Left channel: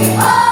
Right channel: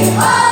Oh!